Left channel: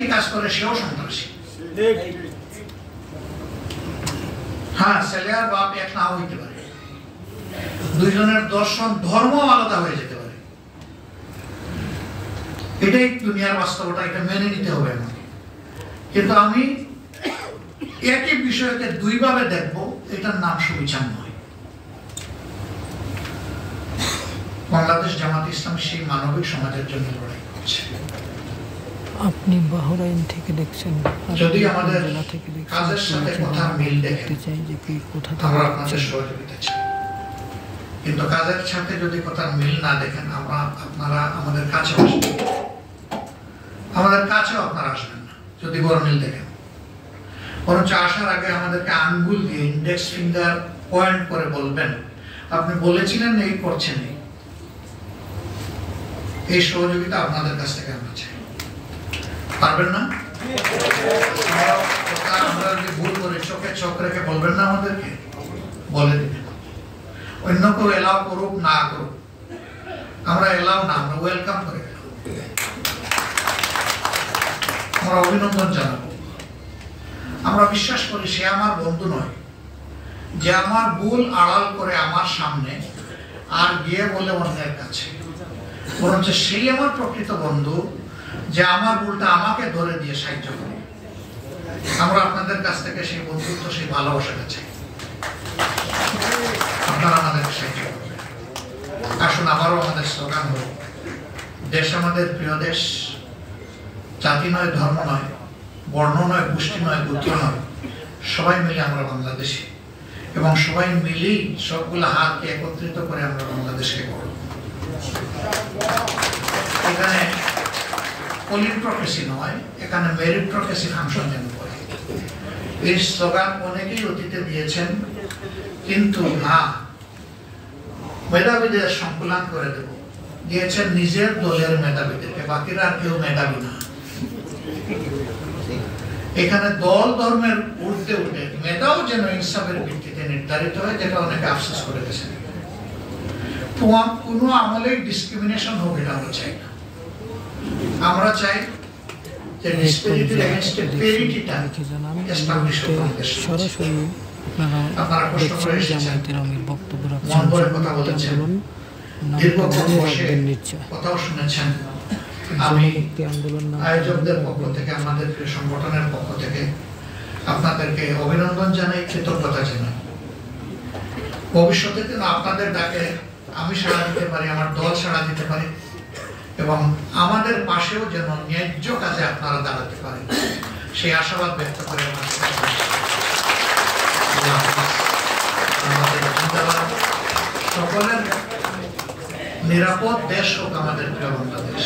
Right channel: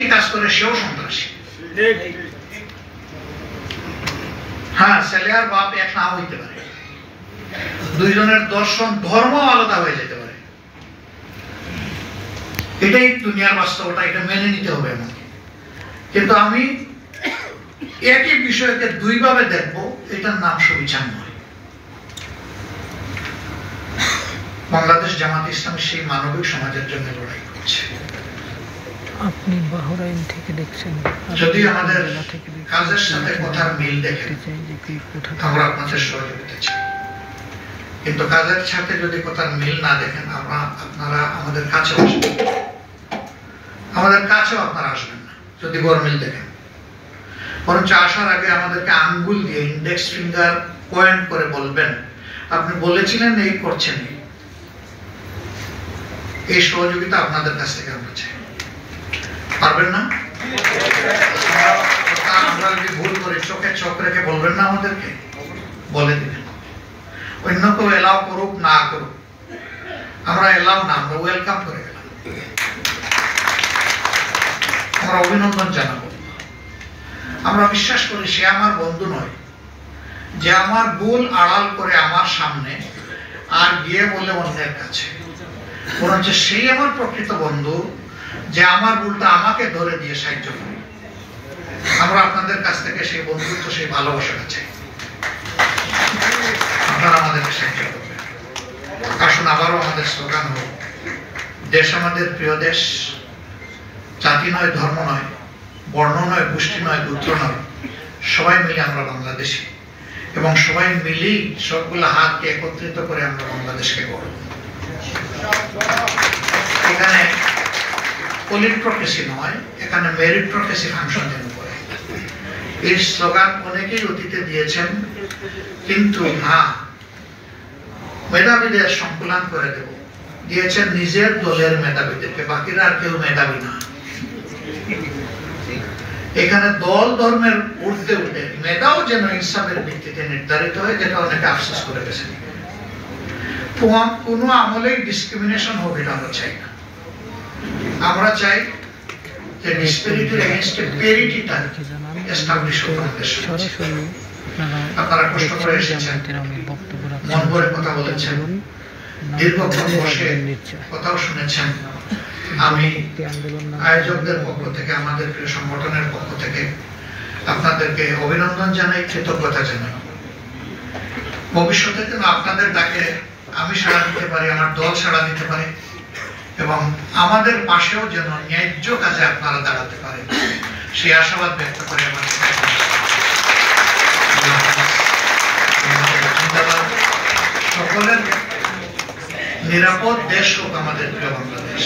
কাজ করে সেও সন্ত্রাসী। হ্যাঁ, ছেলে আর বাপ এক নাও হইতে পারে, দুইজনের দর্শন ধর্ম আলাদা হয়ে যেতে পারে। এটাই দুনিয়ার বাস্তবতা, এটা মেনে নিতে হবে আমাকে। কিন্তু আমি একই বিষয়কে দুইভাবে দেখবো, এটার নাম সুবিচার নয়। বাংলাদেশ জামাত ইসলামী সেই মানবিক সমাজের জন্য লড়াই করছে। আপনি বাহরাইন থেকে দেখছেন, যদি আমাদের কাজের সাথে কথার মিল দেখেন আমরা আপনাদের সহযোগিতা চাই, কিন্তু কাজের সাথে যদি কথার মিল না দেখেন আপনারা আমাদের কাছেও আসবেন, আমাদের কাছেও আপনারা আসবেন না যদি বড় মিল দেখেন। বরঞ্চ আসার আগে আমাদেরকে আঙ্গুল দিয়ে ইন্ডেক্স ফিঙ্গার পয়েন্ট করে বলবেন আপনি বলেছিলেন এই করছেন। এই সহযোগিতা আপনাদের কাছ থেকে আমরা চাই। পারবেন না? আমরা যদি ভুল করি চোখে চোখ রেখে বলবেন না, আমাদেরকে বলে দিবেন। অন্য কেউ এলাও করুক না করুক, আমরা এলাও না, আমরা ওয়েলকাম করে গেলাম, আমরা অভিনন্দন জানাবো। আমরা বিশ্বাস করি সে আমার বন্ধু নয় যে আমার ভুল আড়াল করে আমার সামনে আর গিয়ে বলে অন্যের কাছে, বরঞ্চ সেই আমার প্রকৃত বন্ধু যে আমার ভুলটা আমাকে ধরে দিয়ে সাহায্য করে। আমরা আপনাদের কাছ থেকে সেই বন্ধুত্ব, সেই ভালোবাসাটা চাই, আপনারা আমাদেরকে সাহায্য করবেন। আসুন আবারও আমাদের স্লোগান হোক, দেশ আমাদের প্রিয় দেশ, জাতি নয়, ধর্ম নয়, বর্ণ নয়, গোষ্ঠী নয়, গোত্র নয়, সবাই মিলে আমরা বাংলাদেশি, এবং সবাই মিলেই সবগুলো হাতকে একত্রিত করে আমরা বাংলাদেশকে গড়ব। এখানে পলিট্রোক্রেসি নয়, এখানে মেরিট্রোক্রেসি ফাংশন যেন করে। এই স্লোগান অনেকেই অতীতে দিয়েছেন, কিন্তু না, মেধাবীদের সংকুলান করে দেব দিয়েছেন নিজের দলের মেধাবীদেরকে, বাকিরা আর কেউ মেধাবী না। এখানে দল ধর্মের ঊর্ধ্বে উঠে মেধাও যেন ইনসাফের ভিত্তিতে নির্ধারিত হয়, যেটা অনেকে আফসোস করে গেছেন। কোনো আমলে ডিসক্রিমিনেশন হোক, এটা আমরা চাই না। আমরা চাই যে ডিসপেরিটির এগেইনস্ট পেরিটিটা এস্টাবলিশ হোক। আপনারা কষ্ট করে এসেছেন, মন করে কথা বলেছেন, দীর্ঘক্ষণ বসে কথাও শুনেছেন। আমি আয়োজকদের পক্ষ থেকে, আমাদের প্রিয় সংগঠনের পক্ষ থেকে আপনাদেরকে অভিনন্দন জানাই, কৃতজ্ঞতা জানাই। ভবিষ্যতে যেন আপনাদের ডাকে আমি সাড়া দিতে পারি, আমার দল সাড়া দিতে পারে, এবং আমাদের পাশেও যেন ন্যায্য কাজে আপনারা দাঁড়াতে পারেন, সেই আশাবাদ ব্যক্ত করে আমার সকলের নিরাপদ দেশ হোক আমাদের প্রিয় বাংলাদেশ।